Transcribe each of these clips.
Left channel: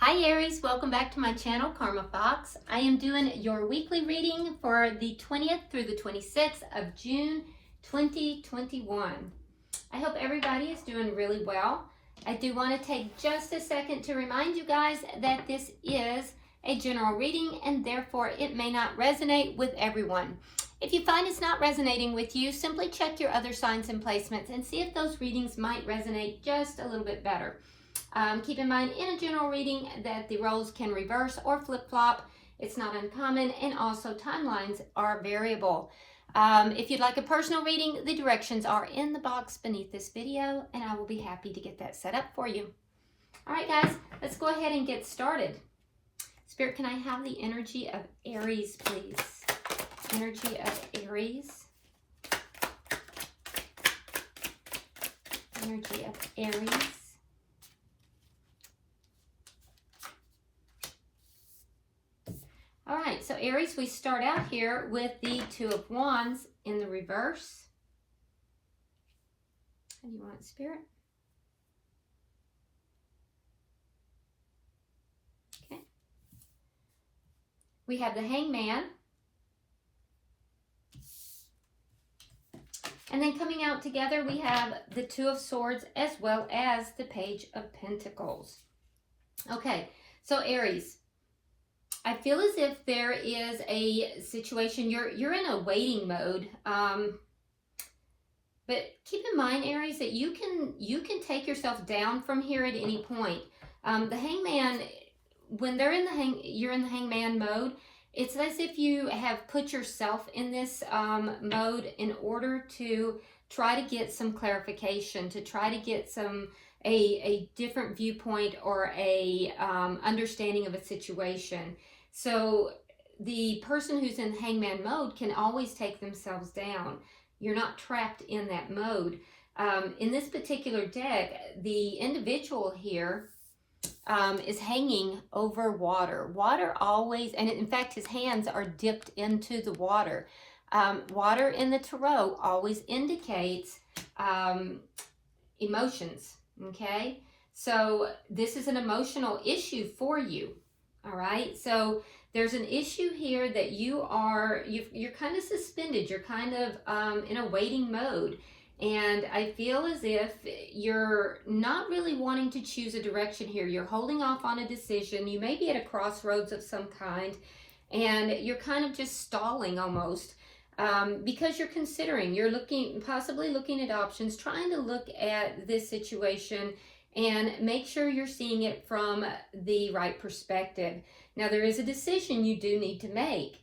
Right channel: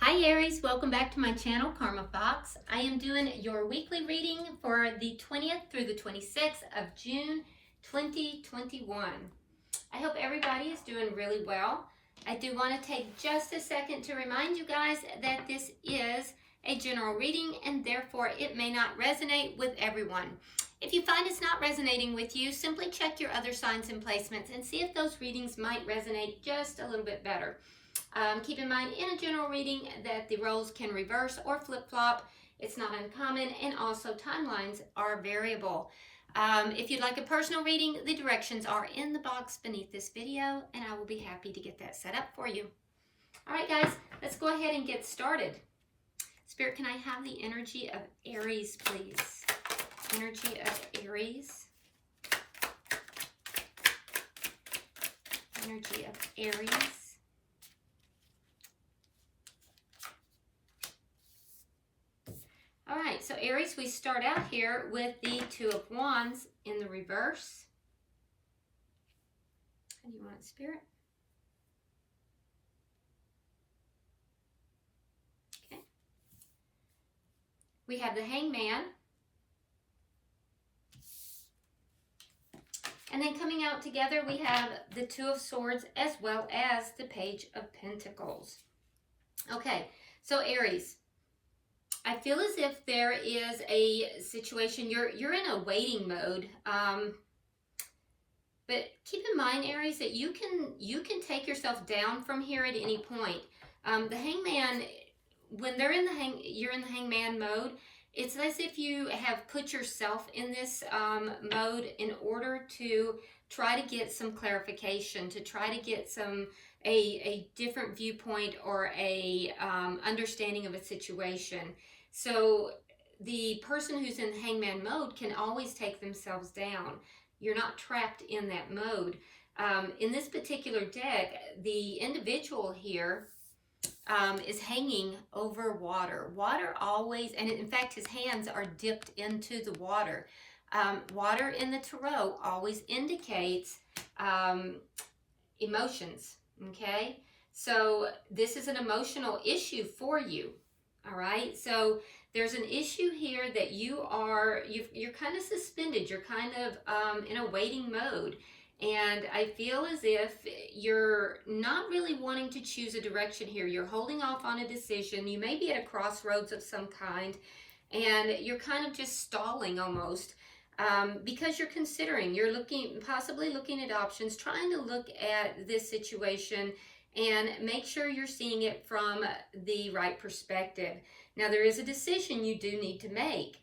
Hi Aries, welcome back to my channel, Karma Fox. I am doing your weekly reading for the 20th through the 26th of June 2021. I hope everybody is doing really well. I do want to take just a second to remind you guys that this is a general reading and therefore it may not resonate with everyone. If you find it's not resonating with you, simply check your other signs and placements and see if those readings might resonate just a little bit better. Keep in mind in a general reading that the roles can reverse or flip-flop. It's not uncommon, and also timelines are variable. If you'd like a personal reading, the directions are in the box beneath this video, and I will be happy to get that set up for you. All right, guys, let's go ahead and get started. Spirit, can I have the energy of Aries, please? Energy of Aries. Energy of Aries. All right, so Aries, we start out here with the Two of Wands in the reverse. How do you want it, Spirit? Okay. We have the Hangman. And then coming out together, we have the Two of Swords as well as the Page of Pentacles. Okay, so Aries, I feel as if there is a situation, you're in a waiting mode, but keep in mind, Aries, that you can take yourself down from here at any point. The Hangman, when you're in the Hangman mode, it's as if you have put yourself in this mode in order to try to get some clarification, to try to get a different viewpoint or a understanding of a situation. So the person who's in Hangman mode can always take themselves down. You're not trapped in that mode. In this particular deck, the individual here is hanging over water. Water always, and in fact his hands are dipped into the water. Water in the tarot always indicates emotions, okay? So this is an emotional issue for you. All right, so there's an issue here that you're kind of suspended. You're kind of in a waiting mode. And I feel as if you're not really wanting to choose a direction here. You're holding off on a decision. You may be at a crossroads of some kind. And you're kind of just stalling almost. Because you're considering, you're possibly looking at options, trying to look at this situation and make sure you're seeing it from the right perspective. Now, there is a decision you do need to make.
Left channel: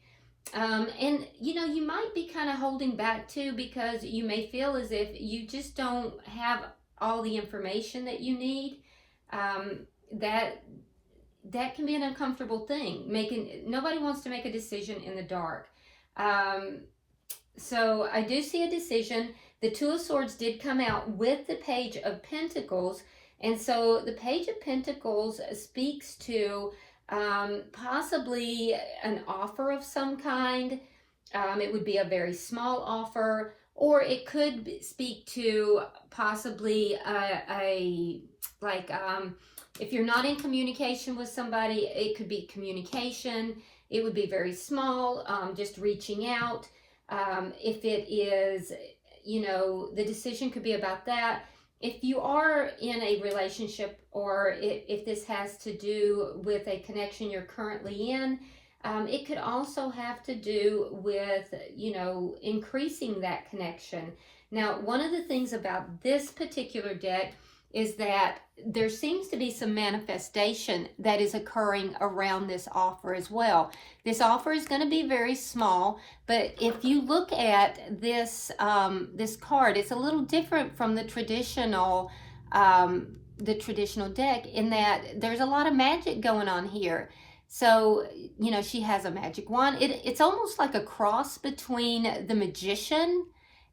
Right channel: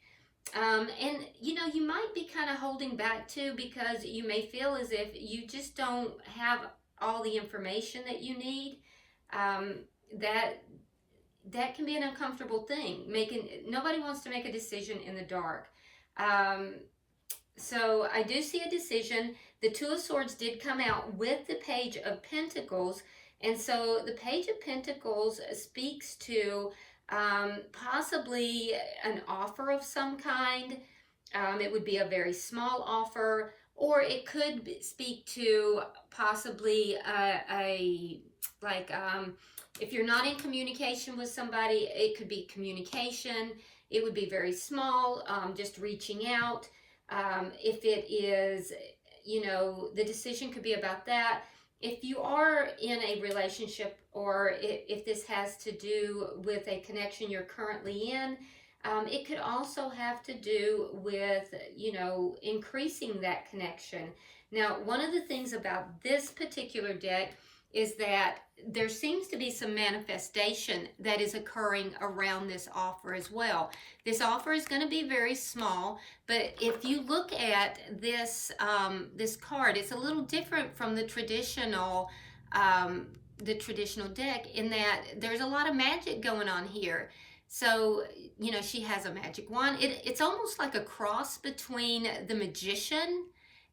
And, you know, you might be kind of holding back too because you may feel as if you just don't have all the information that you need. That can be an uncomfortable thing. Nobody wants to make a decision in the dark. So I do see a decision. The Two of Swords did come out with the Page of Pentacles. And so the Page of Pentacles speaks to possibly an offer of some kind. It would be a very small offer, or it could speak to possibly if you're not in communication with somebody, it could be communication. It would be very small, just reaching out. If it is, you know, the decision could be about that. If you are in a relationship, or if this has to do with a connection you're currently in, it could also have to do with, you know, increasing that connection. Now, one of the things about this particular deck is that there seems to be some manifestation that is occurring around this offer as well. This offer is going to be very small, but if you look at this this card, it's a little different from the traditional deck in that there's a lot of magic going on here. So, you know, she has a magic wand. It's almost like a cross between the Magician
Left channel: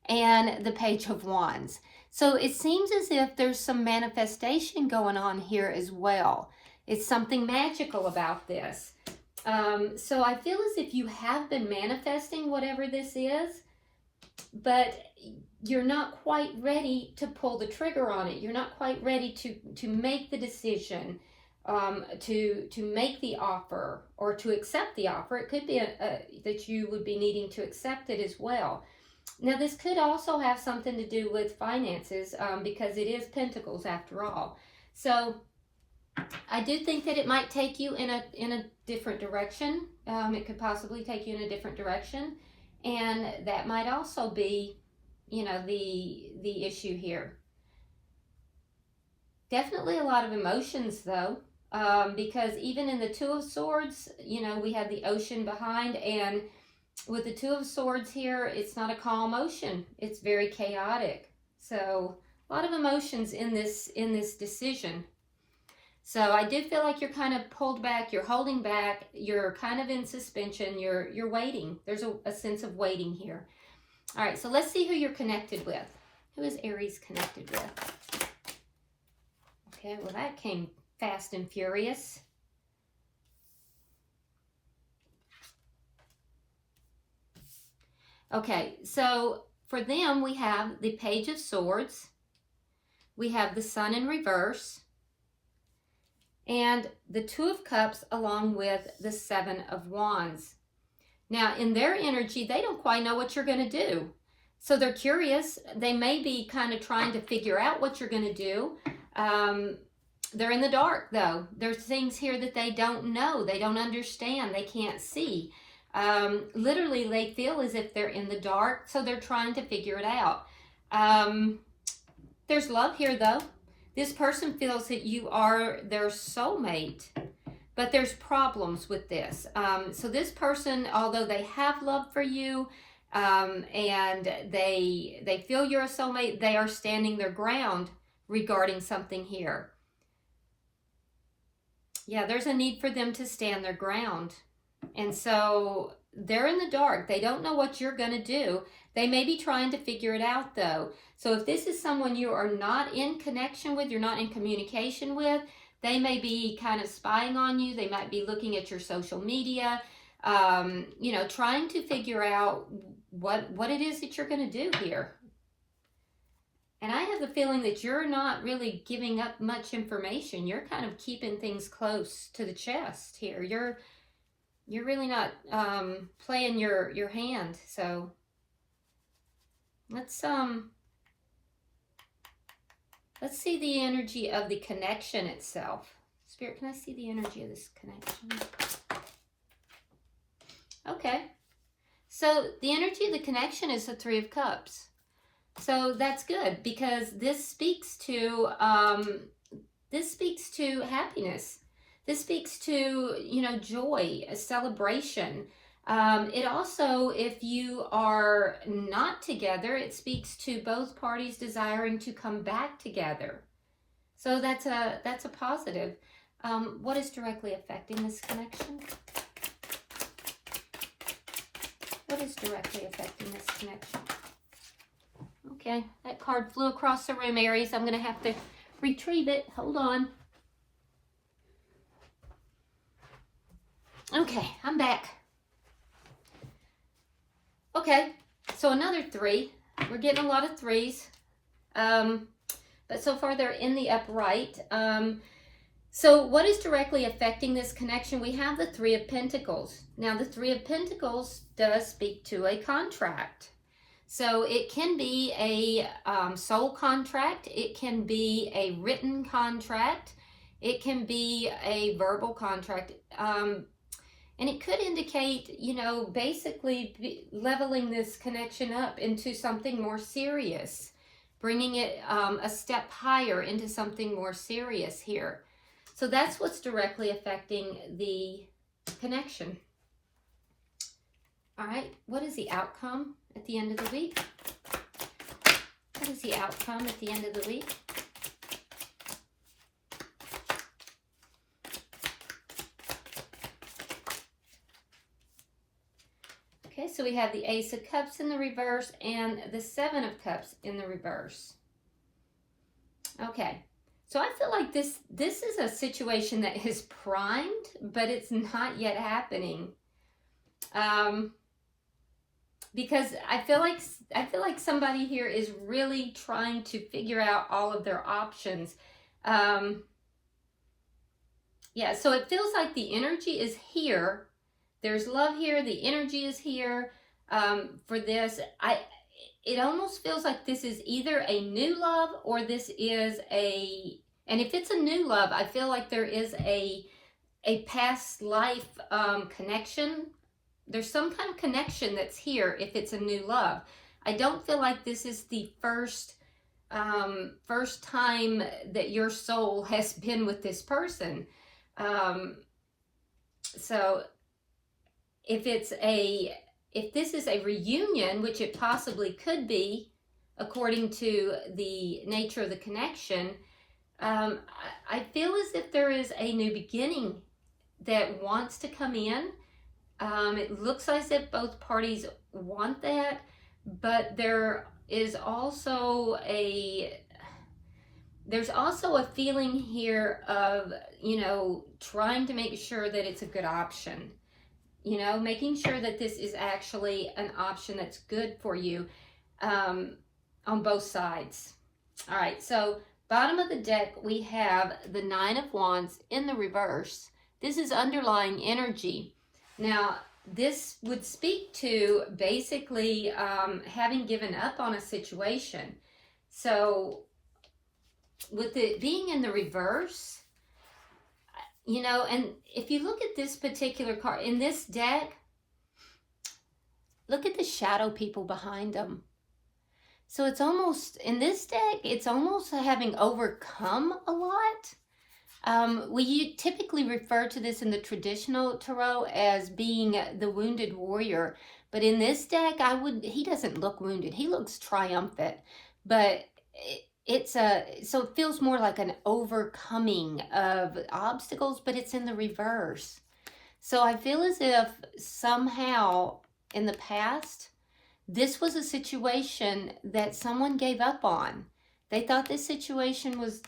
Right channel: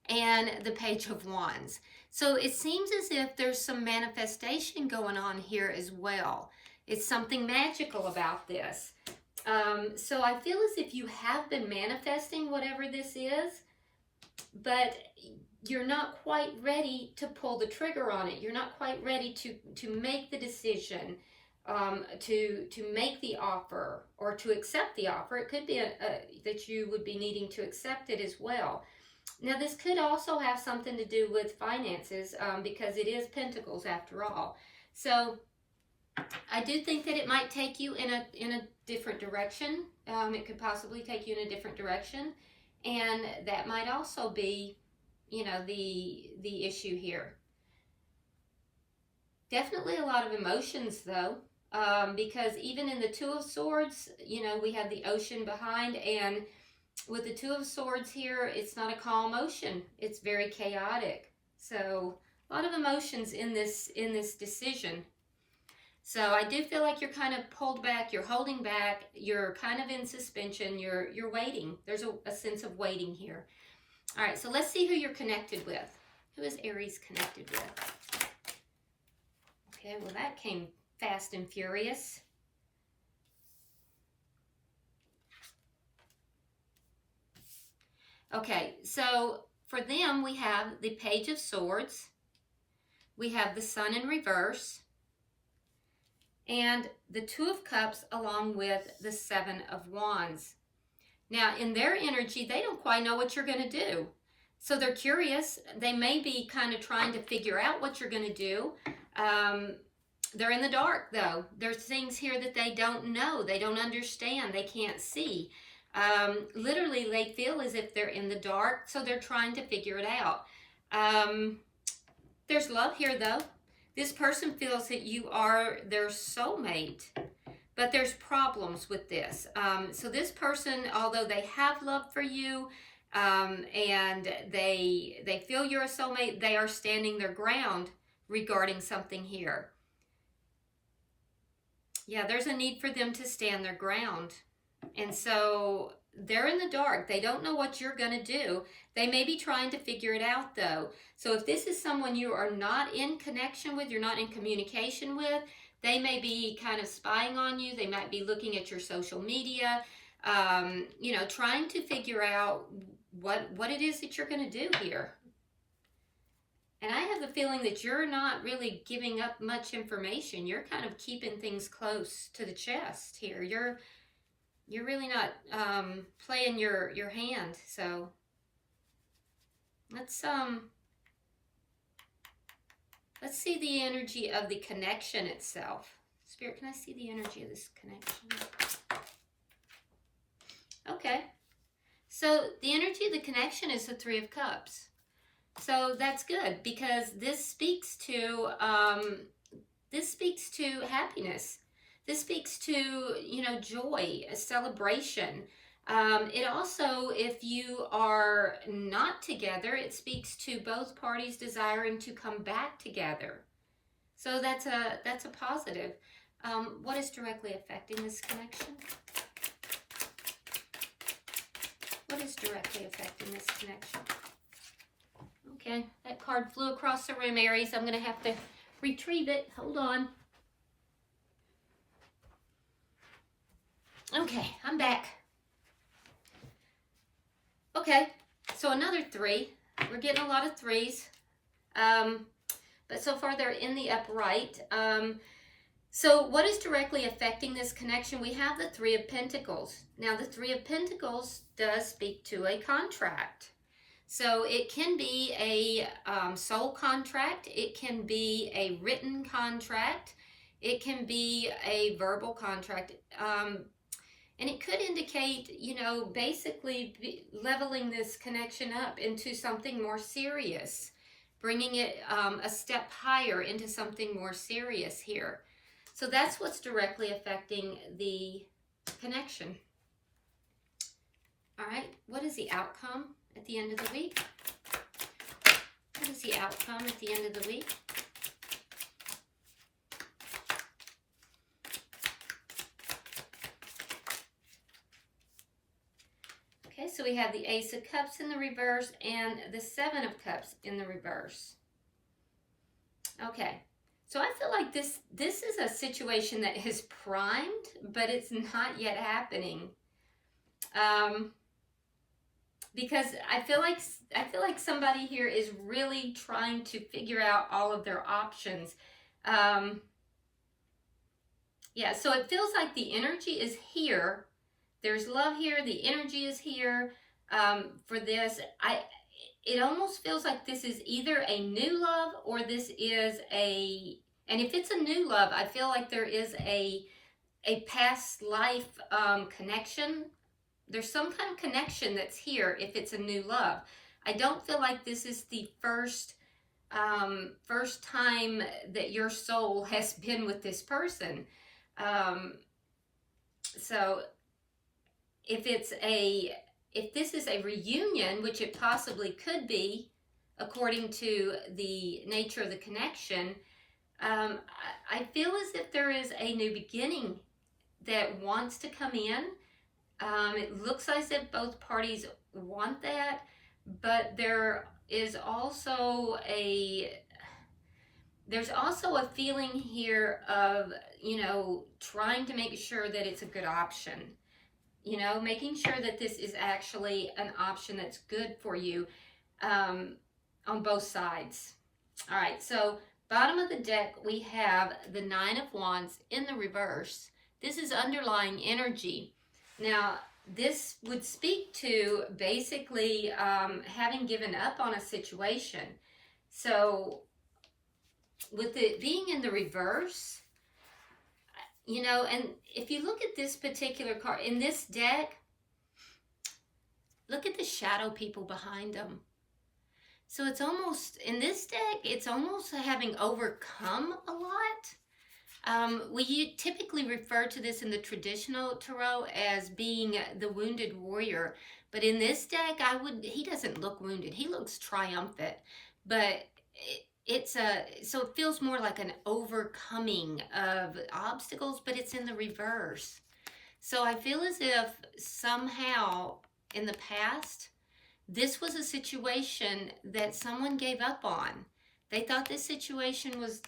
and the Page of Wands. So it seems as if there's some manifestation going on here as well. It's something magical about this. So I feel as if you have been manifesting whatever this is, but you're not quite ready to pull the trigger on it. You're not quite ready to make the decision. to make the offer or to accept the offer. It could be that you would be needing to accept it as well. Now, this could also have something to do with finances, because it is Pentacles after all. So I do think that it might take you in a different direction. It could possibly take you in a different direction, and that might also be, you know, the issue here. Definitely a lot of emotions though, because even in the Two of Swords, you know, we have the ocean behind, and with the Two of Swords here, it's not a calm ocean. It's very chaotic. So a lot of emotions in this decision. So I do feel like you're kind of pulled back, you're holding back, you're kind of in suspension, you're waiting. There's a sense of waiting here. All right, so let's see who you're connected with. Who is Aries connected with? Okay, well that came fast and furious. Okay, so for them, we have the Page of Swords. We have the Sun in reverse. And the Two of Cups along with the Seven of Wands. Now, in their energy, they don't quite know what you're going to do. So they're curious. They may be kind of trying to figure out what you're going to do. They're in the dark, though. There's things here that they don't know. They don't understand. They can't see. Literally, they feel as if they're in the dark, so they're trying to figure it out. There's love here, though. This person feels that you are their soulmate, but there's problems with this. So this person, although they have love for you, and they feel you're a soulmate, they are standing their ground regarding something here. Yeah, there's a need for them to stand their ground. And so they're in the dark. They don't know what you're going to do. They may be trying to figure it out, though. So if this is someone you are not in connection with, you're not in communication with, they may be kind of spying on you. They might be looking at your social media, you know, trying to figure out what it is that you're going to do here. And I have the feeling that you're not really giving up much information. You're kind of keeping things close to the chest here. You're really not playing your hand. So let's see the energy of the connection itself. Spirit, can I see the energy of this connection? Okay. So the energy of the connection is the Three of Cups. So that's good, because this speaks to happiness. This speaks to, you know, joy, a celebration. It also, if you are not together, it speaks to both parties desiring to come back together. So that's a positive. What is directly affecting this connection? What is directly affecting this connection? Okay, that card flew across the room, Aries. I'm going to have to retrieve it. Hold on. Okay, I'm back. Okay, so another three. We're getting a lot of threes. But so far they're in the upright. So what is directly affecting this connection? We have the Three of Pentacles. Now the Three of Pentacles does speak to a contract. So it can be a soul contract. It can be a written contract. It can be a verbal contract. And it could indicate, you know, basically leveling this connection up into something more serious, bringing it a step higher into something more serious here. So that's what's directly affecting the connection. All right, what is the outcome at the end of the week? What is the outcome at the end of the week? Okay, so we have the Ace of Cups in the reverse and the Seven of Cups in the reverse. Okay, so I feel like this is a situation that is primed, but it's not yet happening. Because I feel like somebody here is really trying to figure out all of their options. Yeah, so it feels like the energy is here. There's love here. The energy is here for this. It almost feels like this is either a new love or this is and if it's a new love, I feel like there is a past life connection. There's some kind of connection that's here if it's a new love. I don't feel like this is the first time that your soul has been with this person. So if this is a reunion, which it possibly could be, according to the nature of the connection, I feel as if there is a new beginning that wants to come in. It looks as if both parties want that, but there is also there's also a feeling here of, trying to make sure that it's a good option. Making sure that this is actually an option that's good for you on both sides. All right, so bottom of the deck, we have the Nine of Wands in the reverse. This is underlying energy. Now, this would speak to basically having given up on a situation. So with it being in the reverse, and if you look at this particular card in this deck, look at the shadow people behind them. So it's almost, in this deck, it's almost having overcome a lot. We typically refer to this in the traditional tarot as being the wounded warrior. But in this deck, he doesn't look wounded. He looks triumphant. But so it feels more like an overcoming of obstacles, but it's in the reverse. So I feel as if somehow in the past, this was a situation that someone gave up on. They thought this situation was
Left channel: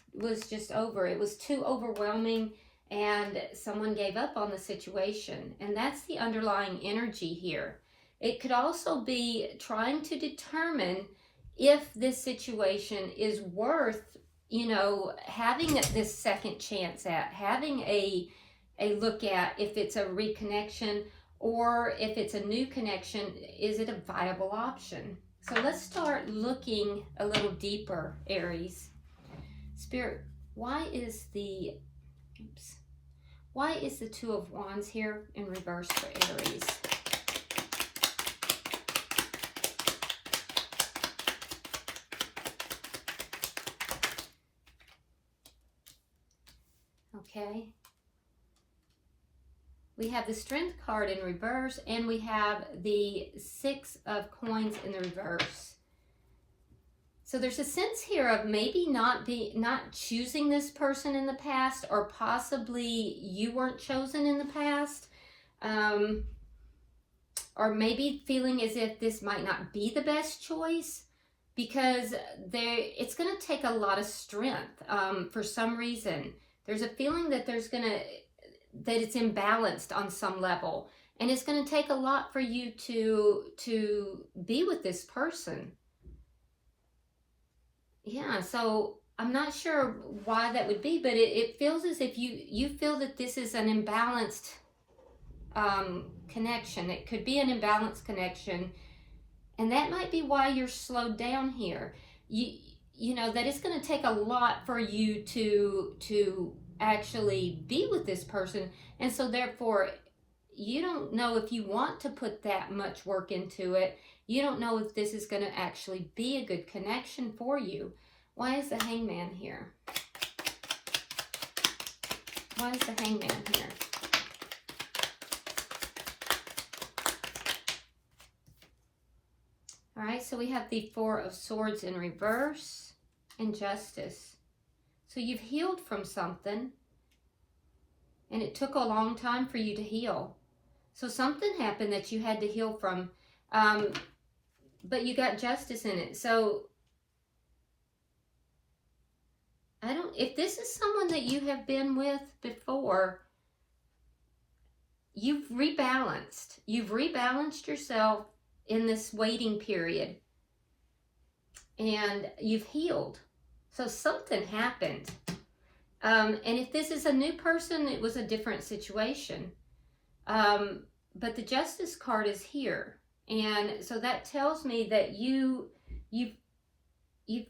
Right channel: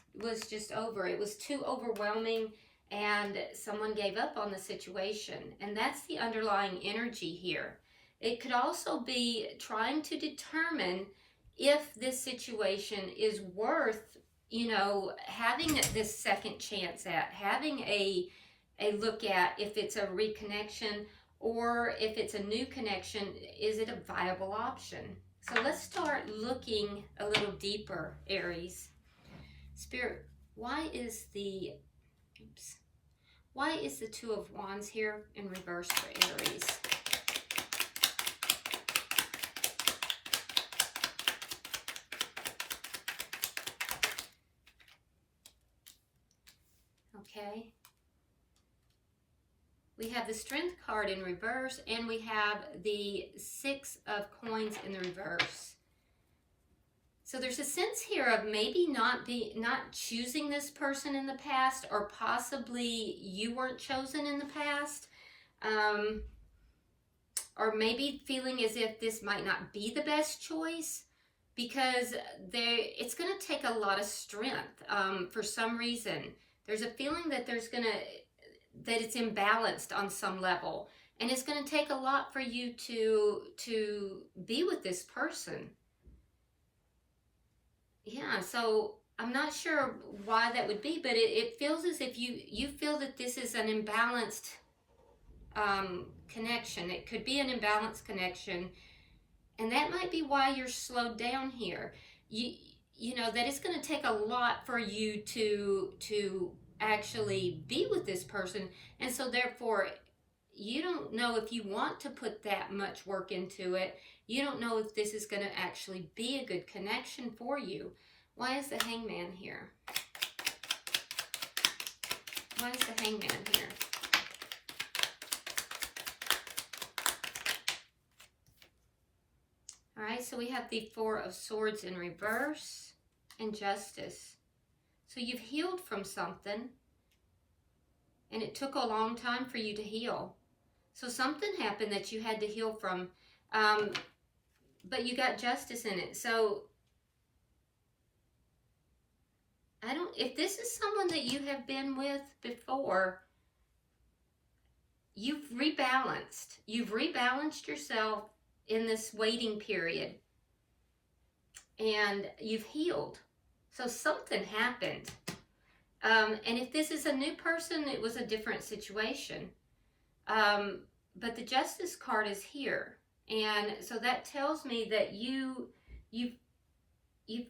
just over. It was too overwhelming, and someone gave up on the situation. And that's the underlying energy here. It could also be trying to determine if this situation is worth, having this second chance at, having a look at if it's a reconnection or if it's a new connection, is it a viable option? So let's start looking a little deeper, Aries. Spirit, why is the Two of Wands here in reverse for Aries? Okay. We have the Strength card in reverse, and we have the Six of Coins in the reverse. So there's a sense here of maybe not choosing this person in the past, or possibly you weren't chosen in the past. Or maybe feeling as if this might not be the best choice, because it's going to take a lot of strength for some reason. There's a feeling that that it's imbalanced on some level, and it's going to take a lot for you to be with this person. Yeah, so I'm not sure why that would be, but it feels as if you feel that this is an imbalanced connection. It could be an imbalanced connection, and that might be why you're slowed down here. You know that it's going to take a lot for you to actually be with this person, and so therefore you don't know if you want to put that much work into it. You don't know if this is going to actually be a good connection for you. Why is the Hangman here? Why is the Hangman here? All right, so we have the Four of Swords in reverse and Justice. So you've healed from something, and it took a long time for you to heal. So something happened that you had to heal from, but you got justice in it. So if this is someone that you have been with before, you've rebalanced. You've rebalanced yourself in this waiting period, and you've healed. So something happened. And if this is a new person, it was a different situation. But the Justice card is here. And so that tells me that you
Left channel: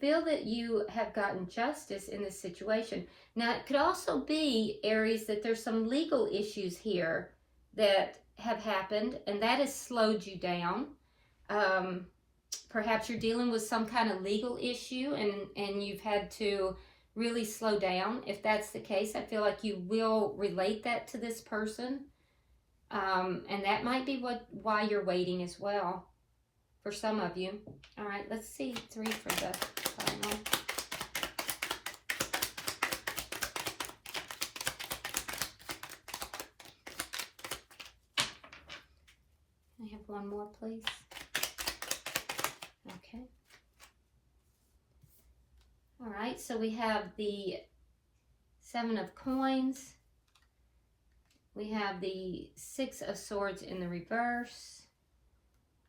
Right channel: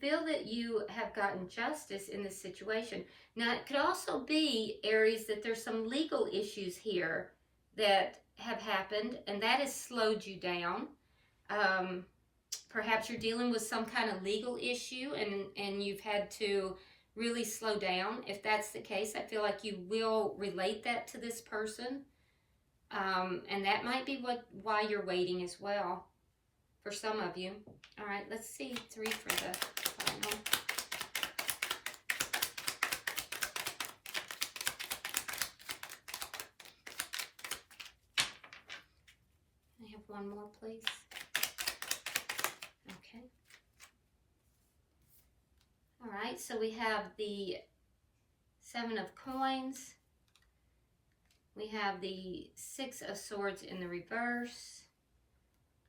feel that you have gotten justice in this situation. Now, it could also be, Aries, that there's some legal issues here that have happened, and that has slowed you down. Perhaps you're dealing with some kind of legal issue, and you've had to really slow down. If that's the case, I feel like you will relate that to this person. And that might be why you're waiting as well, for some of you. All right, let's see 3 for the final. I have one more, please. Okay. All right, so we have the 7 of Coins. We have the 6 of Swords in the reverse.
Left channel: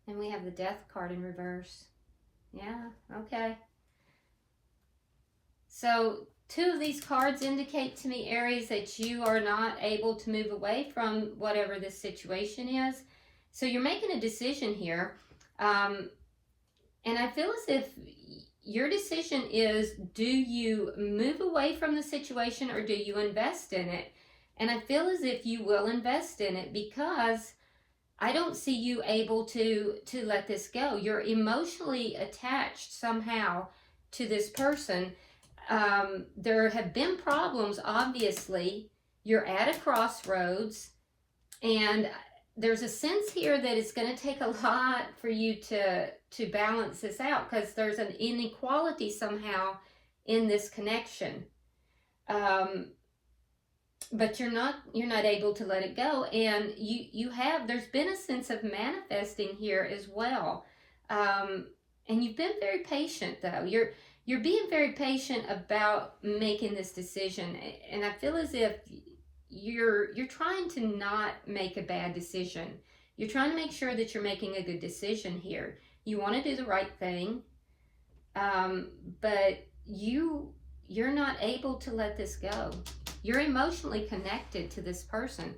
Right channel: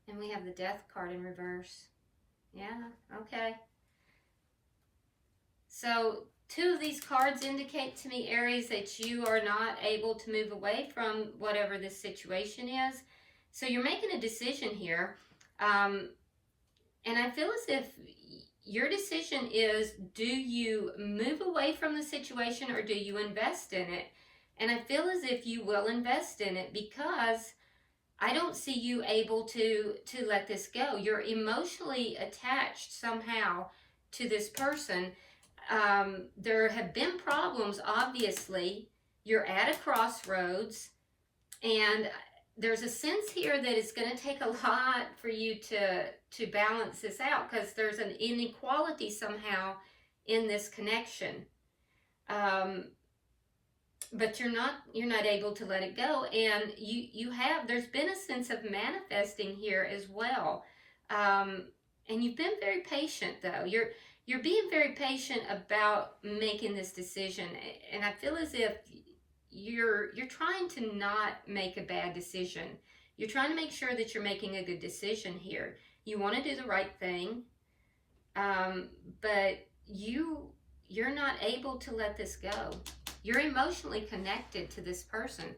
And we have the Death card in reverse. Yeah, okay. So 2 of these cards indicate to me, Aries, that you are not able to move away from whatever this situation is. So you're making a decision here. And I feel as if your decision is, do you move away from the situation or do you invest in it? And I feel as if you will invest in it, because I don't see you able to let this go. You're emotionally attached somehow to this person. There have been problems, obviously. You're at a crossroads, and there's a sense here that it's going to take a lot for you to balance this out, because there's an inequality somehow in this connection. But you're not able to let it go, and there's been a sense of manifesting here as well. And you've been very patient, though. You're being very patient about making this decision, and I feel as if you're trying to not make a bad decision. You're trying to make sure that you're making a good decision here. You want to do the right thing, but you're not able to let this go. You're emotionally connected to this person.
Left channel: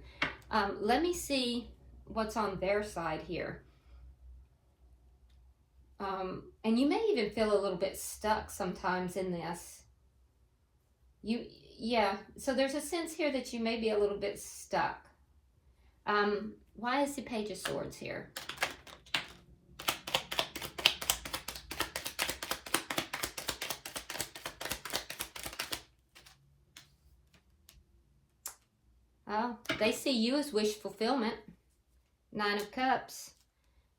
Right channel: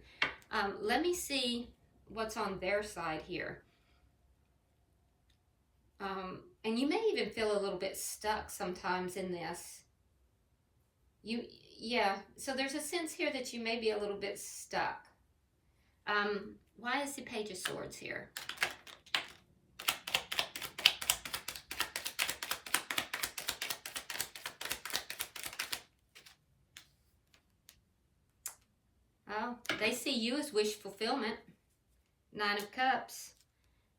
Let me see what's on their side here. And you may even feel a little bit stuck sometimes in this. Yeah, so there's a sense here that you may be a little bit stuck. Why is the Page of Swords here? Oh, they see you as wish fulfillment. 9 of Cups.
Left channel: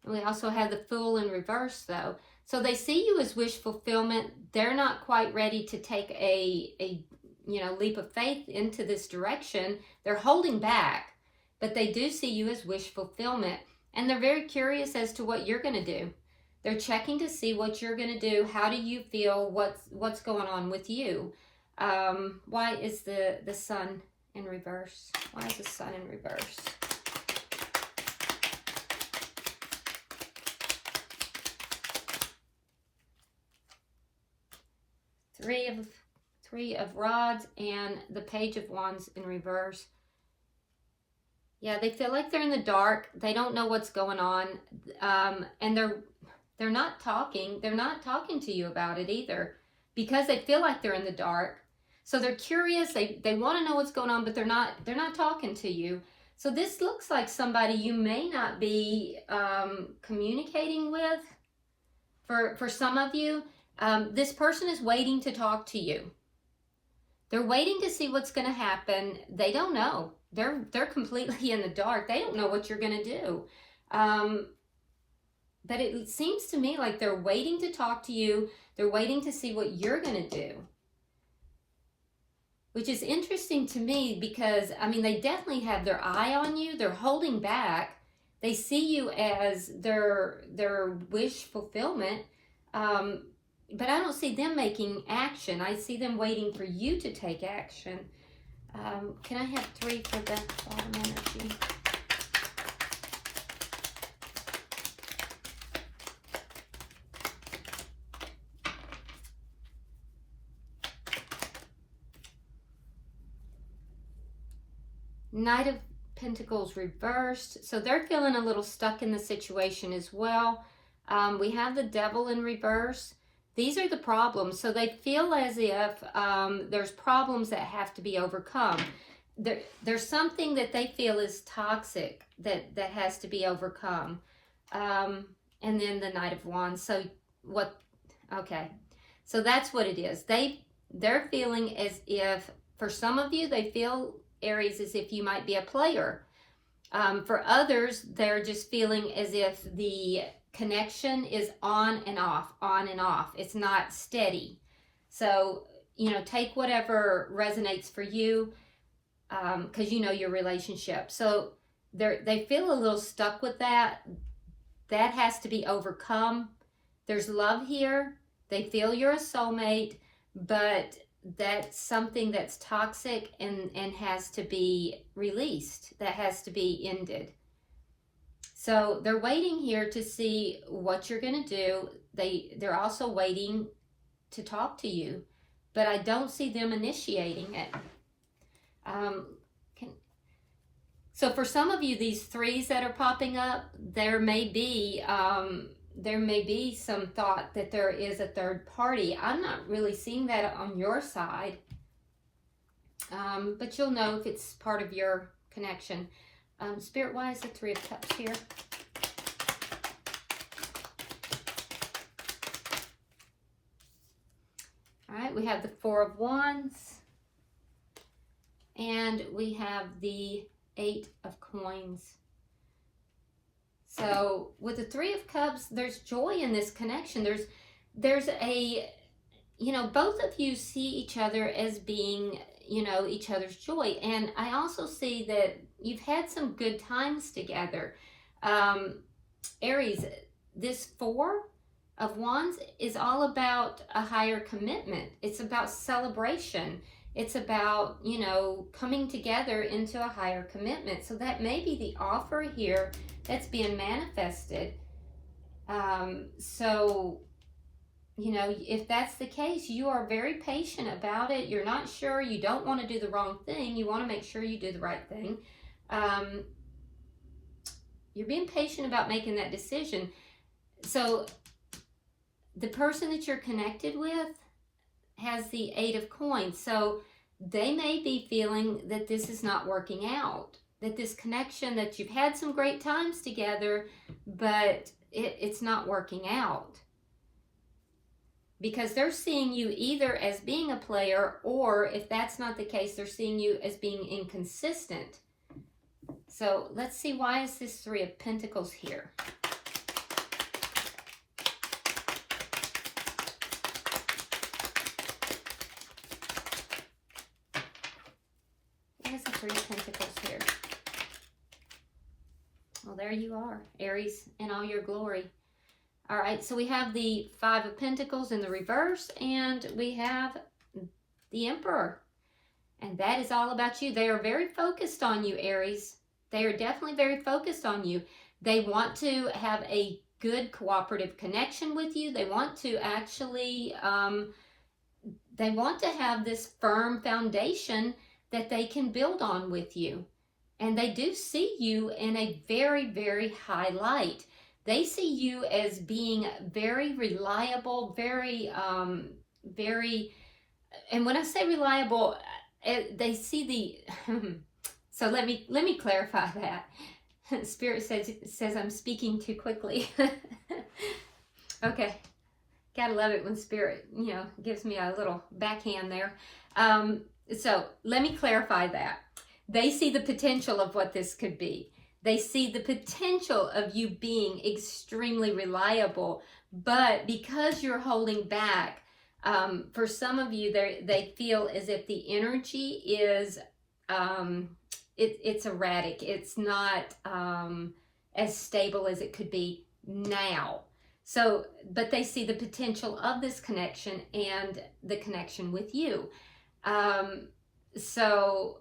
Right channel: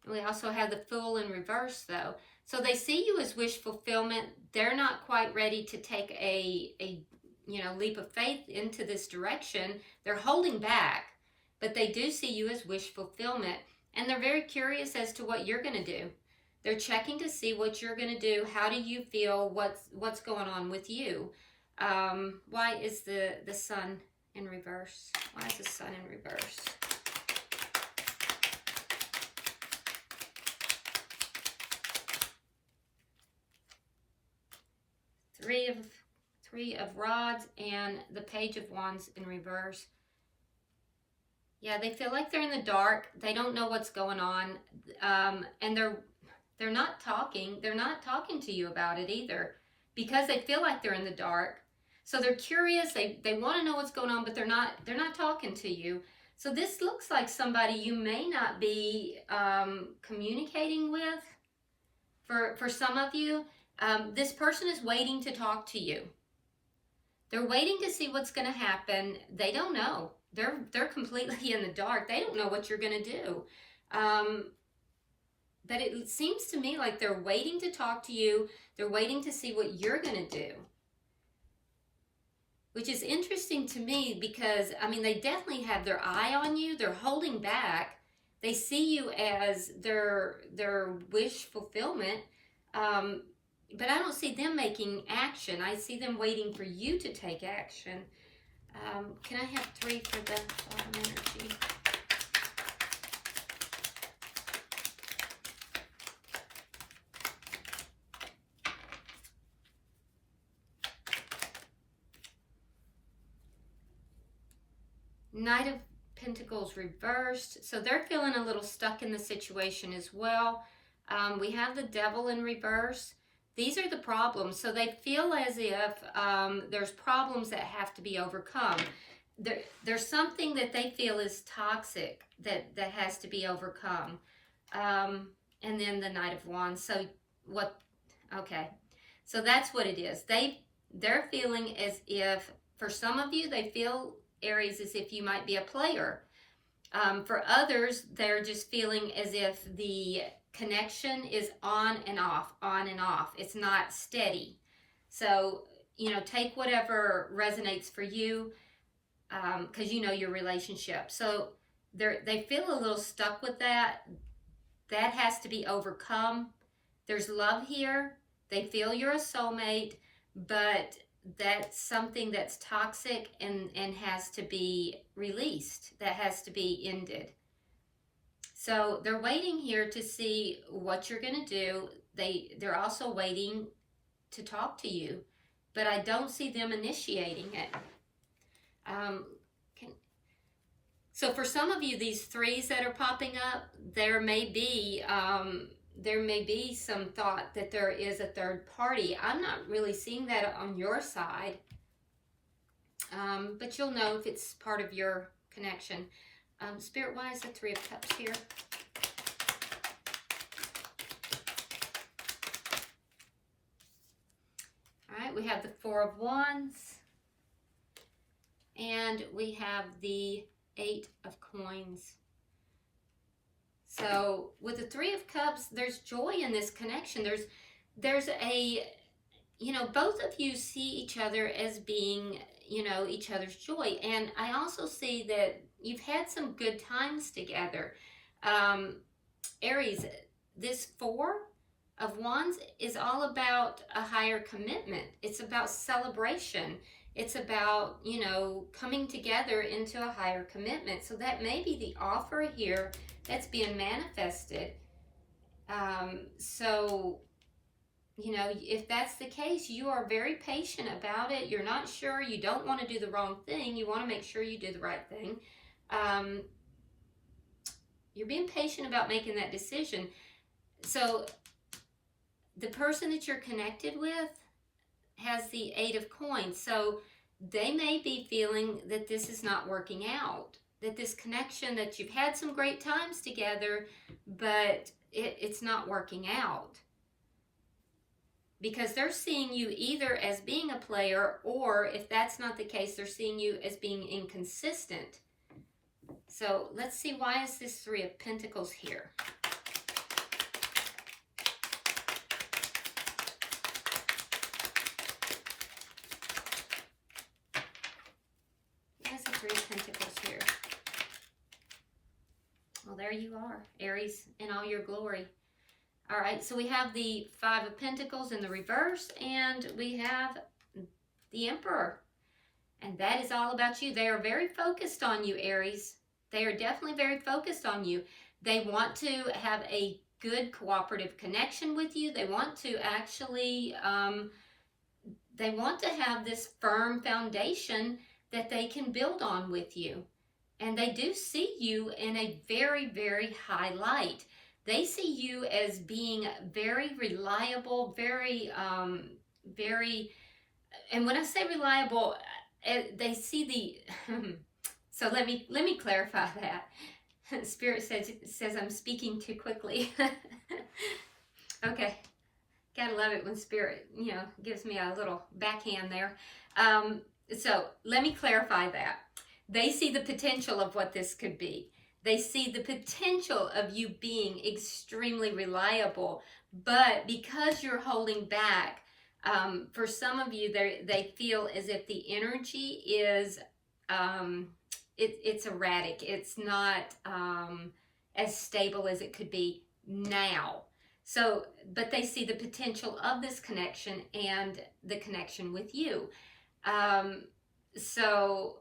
And we also have the Fool in reverse, though. So they see you as wish fulfillment. They're not quite ready to take a leap of faith into this direction. They're holding back, but they do see you as wish fulfillment. And they're very curious as to what you're going to do. They're checking to see what you're going to do. How do you feel? What's going on with you? Why is the Sun in reverse? Why is the Sun in reverse? Three of Rods and the Page of Wands in reverse. Yeah, they feel like they're in the dark. They don't know what's going on, and they're not talking. They're not talking to you about it either, because they feel like they're in the dark. So they're curious. They want to know what's going on, but they're not talking to you. So this looks like somebody you may not be communicating with. For some of you, this person is waiting to talk to you. They're waiting to see what's going to happen. They don't know. They're completely in the dark. They don't know what you're going to do. But it seems to me like they're waiting to talk to you. They're waiting to see what you're going to do. Which is interesting to me because, I mean, they definitely have their eye on you. They're holding back. They see you as their wish fulfillment. But I don't see them making action. I see them waiting for you to take action. Can I have 3 for the bottom energy? Knight of Pentacles reversed. So they're feeling a little stuck in the situation as well. We have the Devil in reverse. These are the problems. So they feel as if there's problems that have to be overcome. There's something that they feel is toxic that has to be overcome. And then the Knight of Wands. So what? Okay. So that's what it is. They're feeling as if, for some of you, they feel, Aries, as if you might be a player. For others, they're just feeling as if the connection is on and off, on and off. It's not steady. So, you know, take whatever resonates for you, because you know your relationship. So they feel a little stuck with that. That has to be overcome. There's love here. They feel you're a soulmate, but that's something that's toxic and has to be released. That has to be ended. So they're waiting here to see what you're going to do. They're also waiting to talk to you, but I don't see them initiating it. So for some of you, these threes that are popping up, there may be some thought that there is a third party. I'm not really seeing that on your side, but you'll know if it's part of your connection. Spirit, why is the Three of Cups here? All right, we have the Four of Wands, and we have the Eight of Coins. So with the Three of Cups, there's joy in this connection. There's a, you know, both of you see each other as being, you know, each other's joy. And I also see that you've had some good times together. Aries, this Four of Wands is all about a higher commitment. It's about celebration. It's about, you know, coming together into a higher commitment. So that may be the offer here that's being manifested. So, you know, if that's the case, you are very patient about it. You're not sure. You don't want to do the wrong thing. You want to make sure you do the right thing. You're being patient about making that decision. So the person that you're connected with has the Eight of Coins. So they may be feeling that this is not working out, that this connection, that you've had some great times together, but it's not working out. Because they're seeing you either as being a player, or if that's not the case, they're seeing you as being inconsistent. So let's see, why is this Three of Pentacles here? Three of Pentacles here. Well, there you are, Aries, in all your glory. All right, so we have the Five of Pentacles in the reverse, and we have the Emperor. And that is all about you. They are very focused on you, Aries. They are definitely very focused on you. They want to have a good cooperative connection with you. They want to actually, they want to have this firm foundation that they can build on with you. And they do see you in a very, very high light. They see you as being very reliable, very, and when I say reliable, they see the, so let me clarify that. Spirit says I'm speaking too quickly. Okay. Gotta love it when Spirit, you know, gives me a little backhand there. So let me clarify that. They see the potential of what this could be. They see the potential of you being extremely reliable, but because you're holding back, for some of you, they feel as if the energy is, it's erratic. It's not as stable as it could be now. So, but they see the potential of this connection and the connection with you. So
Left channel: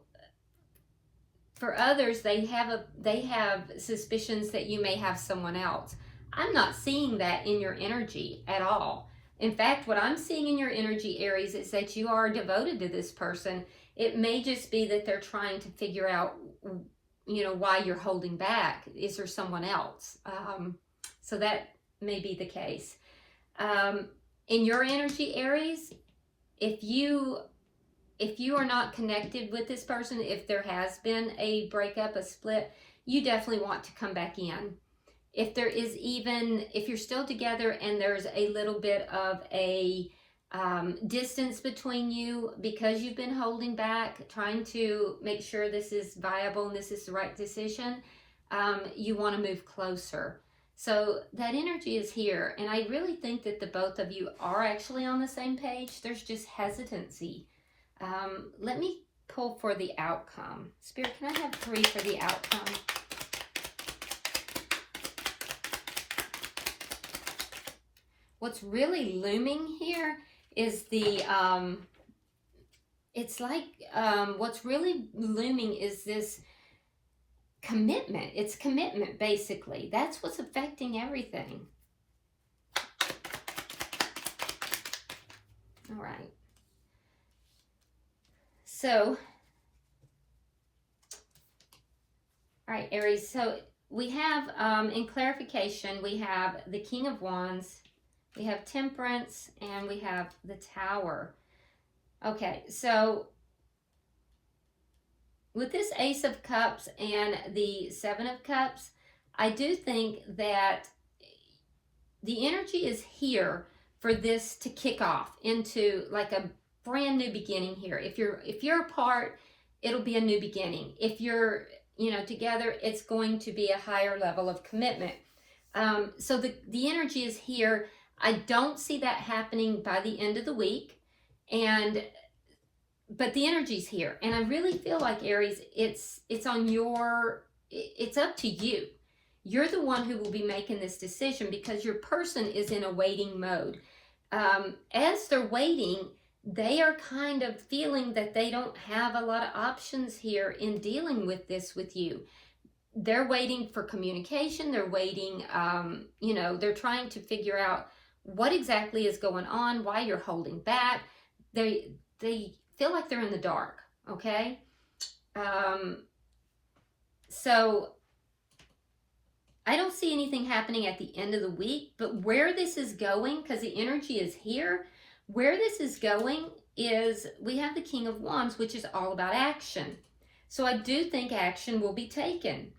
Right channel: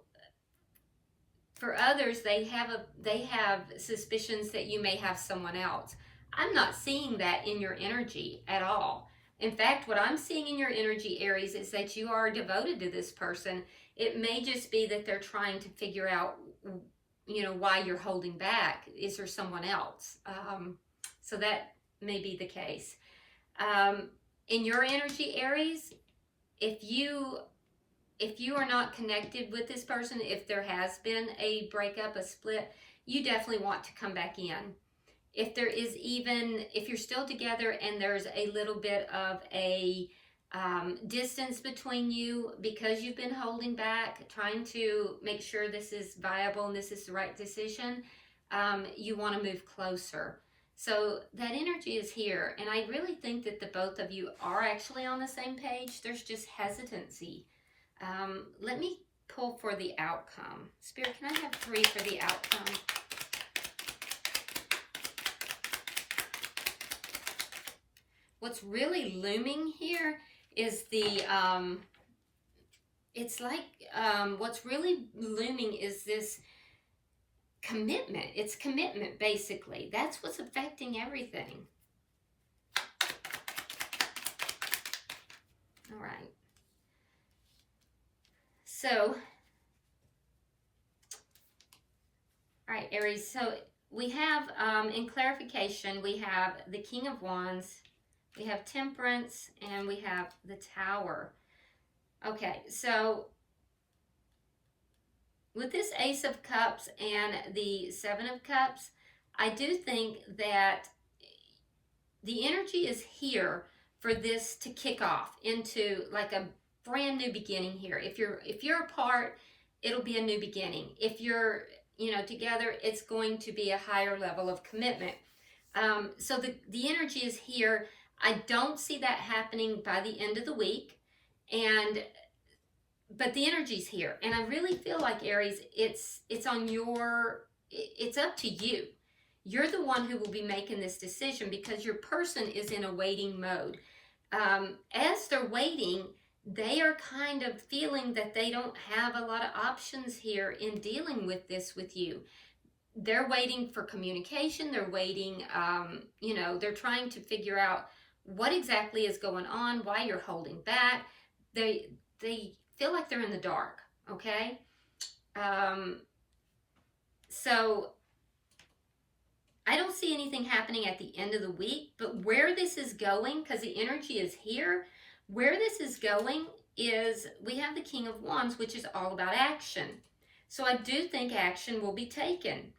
for others, they have suspicions that you may have someone else. I'm not seeing that in your energy at all. In fact, what I'm seeing in your energy, Aries, is that you are devoted to this person. It may just be that they're trying to figure out you know, why you're holding back. Is there someone else? So that may be the case. In your energy, Aries, if you are not connected with this person, if there has been a breakup, a split, you definitely want to come back in. If there is even, if you're still together and there's a little bit of a distance between you because you've been holding back, trying to make sure this is viable and this is the right decision, you want to move closer. So that energy is here. And I really think that the both of you are actually on the same page. There's just hesitancy. Let me pull for the outcome. Spirit, can I have 3 for the outcome? What's really looming here is the, it's like, what's really looming is this commitment. It's commitment, basically. That's what's affecting everything. All right. So, all right, Aries. So we have, in clarification, we have the King of Wands, we have Temperance, and we have the Tower. Okay, so with this Ace of Cups and the Seven of Cups, I do think that the energy is here for this to kick off into like a brand new beginning here. If you're apart, it'll be a new beginning. If you're, you know, together, it's going to be a higher level of commitment. So the energy is here. I don't see that happening by the end of the week, but the energy's here, and I really feel like, Aries, it's up to you. You're the one who will be making this decision because your person is in a waiting mode. As they're waiting, they are kind of feeling that they don't have a lot of options here in dealing with this with you. They're waiting for communication. They're waiting, you know, they're trying to figure out what exactly is going on, why you're holding back. They feel like they're in the dark, okay? So I don't see anything happening at the end of the week, but where this is going, because the energy is here, where this is going is we have the King of Wands, which is all about action. So I do think action will be taken.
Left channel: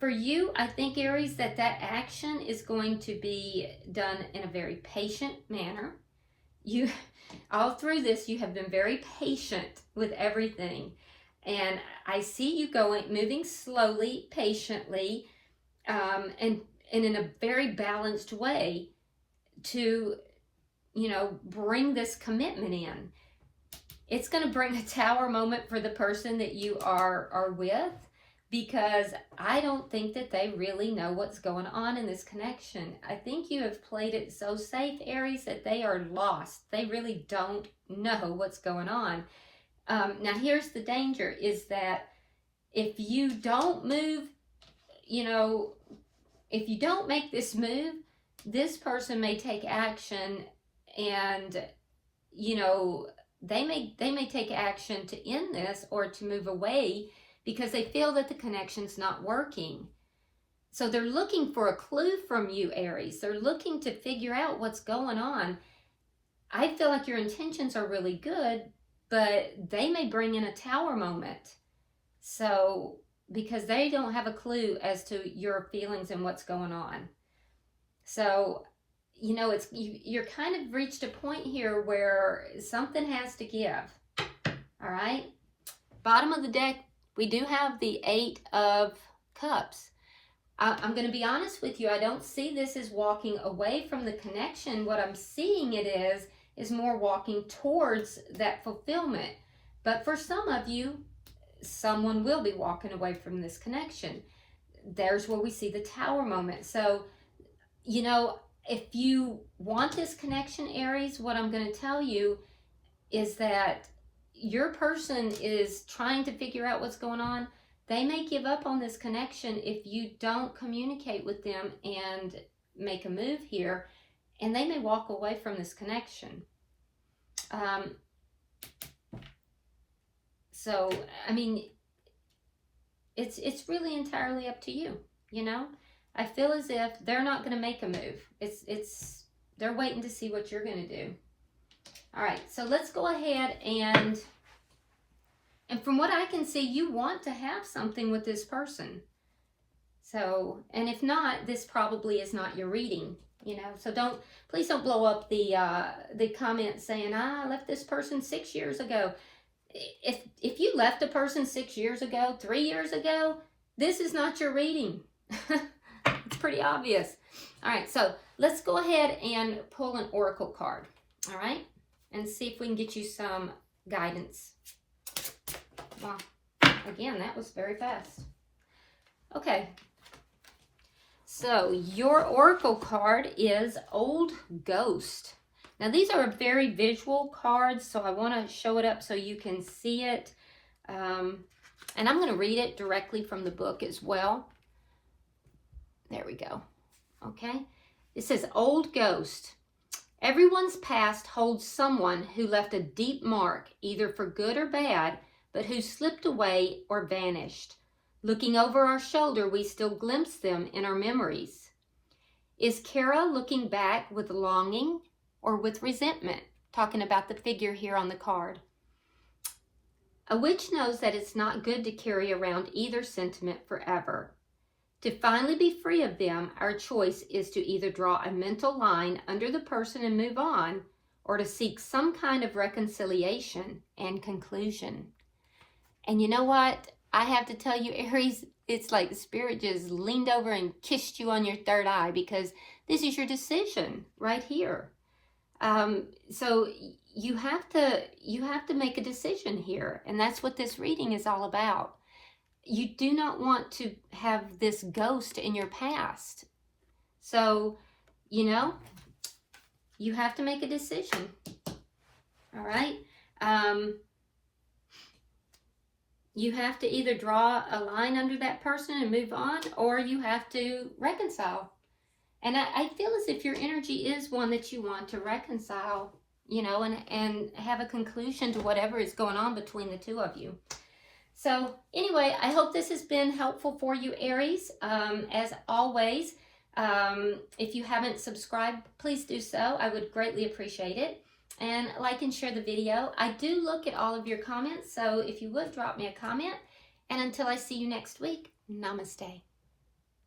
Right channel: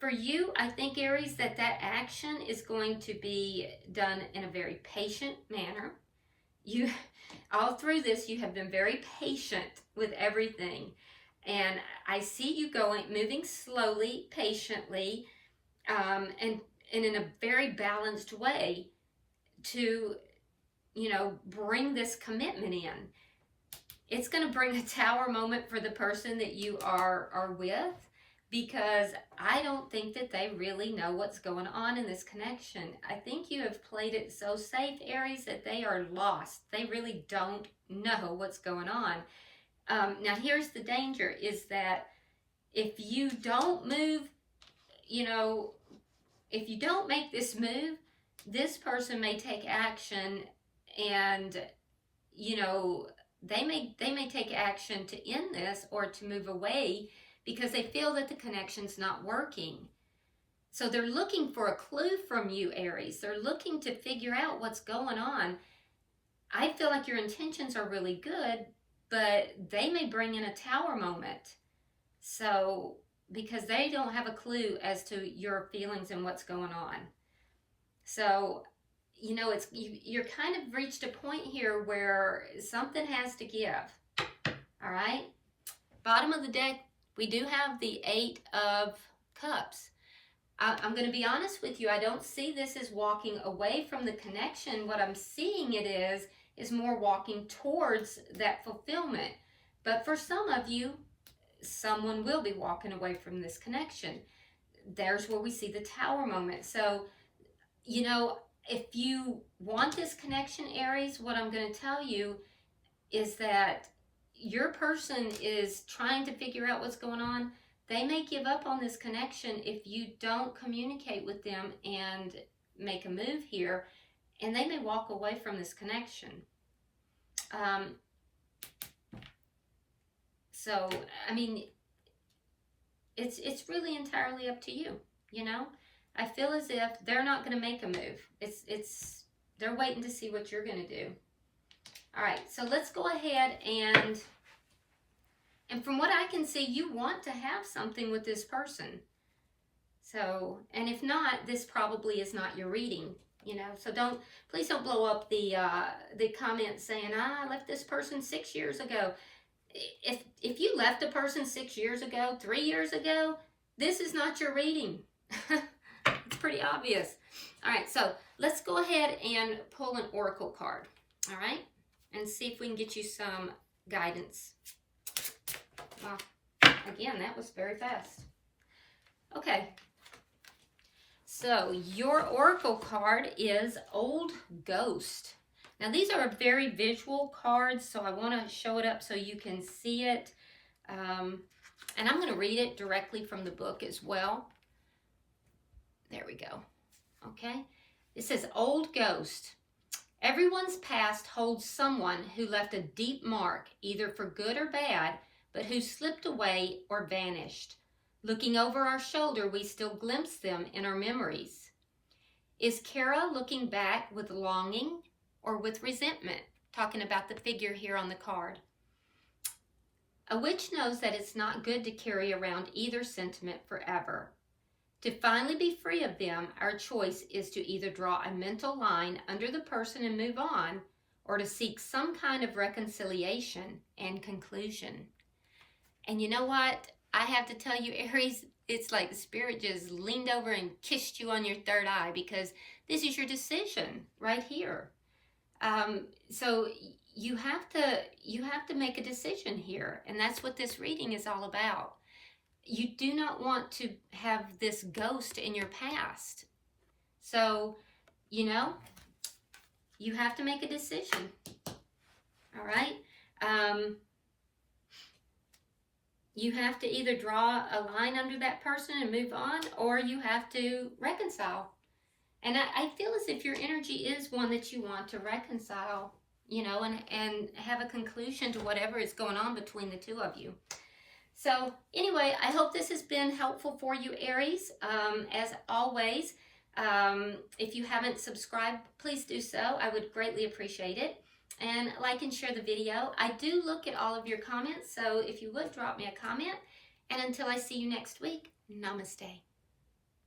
For you, I think, Aries, that action is going to be done in a very patient manner. You, all through this, you have been very patient with everything. And I see you moving slowly, patiently, and in a very balanced way to, you know, bring this commitment in. It's going to bring a Tower moment for the person that you are with, because I don't think that they really know what's going on in this connection. I think you have played it so safe, Aries, that they are lost. They really don't know what's going on. Now, here's the danger, is that if you don't move, you know, if you don't make this move, this person may take action, and, you know, they may take action to end this or to move away, because they feel that the connection's not working. So they're looking for a clue from you, Aries. They're looking to figure out what's going on. I feel like your intentions are really good, but they may bring in a Tower moment. So, because they don't have a clue as to your feelings and what's going on. So, you know, you're kind of reached a point here where something has to give. All right? Bottom of the deck, we do have the 8 of Cups. I'm going to be honest with you. I don't see this as walking away from the connection. What I'm seeing it is more walking towards that fulfillment. But for some of you, someone will be walking away from this connection. There's where we see the Tower moment. So, you know, if you want this connection, Aries, what I'm going to tell you is that your person is trying to figure out what's going on. They may give up on this connection if you don't communicate with them and make a move here, and they may walk away from this connection. So, I mean, it's really entirely up to you, you know? I feel as if they're not going to make a move. They're waiting to see what you're going to do. All right, so let's go ahead and from what I can see, you want to have something with this person. So, and if not, this probably is not your reading, you know. So please don't blow up the comments saying, I left this person 6 years ago. If you left a person 6 years ago, 3 years ago, this is not your reading. It's pretty obvious. All right, so let's go ahead and pull an oracle card, all right, and see if we can get you some guidance. Wow, again, that was very fast. Okay, so your oracle card is Old Ghost. Now, these are very visual cards, so I want to show it up so you can see it. And I'm going to read it directly from the book as well. There we go. Okay. It says, Old Ghost. Everyone's past holds someone who left a deep mark, either for good or bad, but who slipped away or vanished. Looking over our shoulder, we still glimpse them in our memories. Is Kara looking back with longing or with resentment? Talking about the figure here on the card. A witch knows that it's not good to carry around either sentiment forever. To finally be free of them, our choice is to either draw a mental line under the person and move on, or to seek some kind of reconciliation and conclusion. And you know what? I have to tell you, Aries, it's like the spirit just leaned over and kissed you on your third eye, because this is your decision right here. So you have to make a decision here, and that's what this reading is all about. You do not want to have this ghost in your past. So, you know, you have to make a decision. All right? You have to either draw a line under that person and move on, or you have to reconcile. And I feel as if your energy is one that you want to reconcile, you know, and have a conclusion to whatever is going on between the two of you. So anyway, I hope this has been helpful for you, Aries. As always, if you haven't subscribed, please do so. I would greatly appreciate it. And like and share the video. I do look at all of your comments, so if you would, drop me a comment. And until I see you next week, namaste.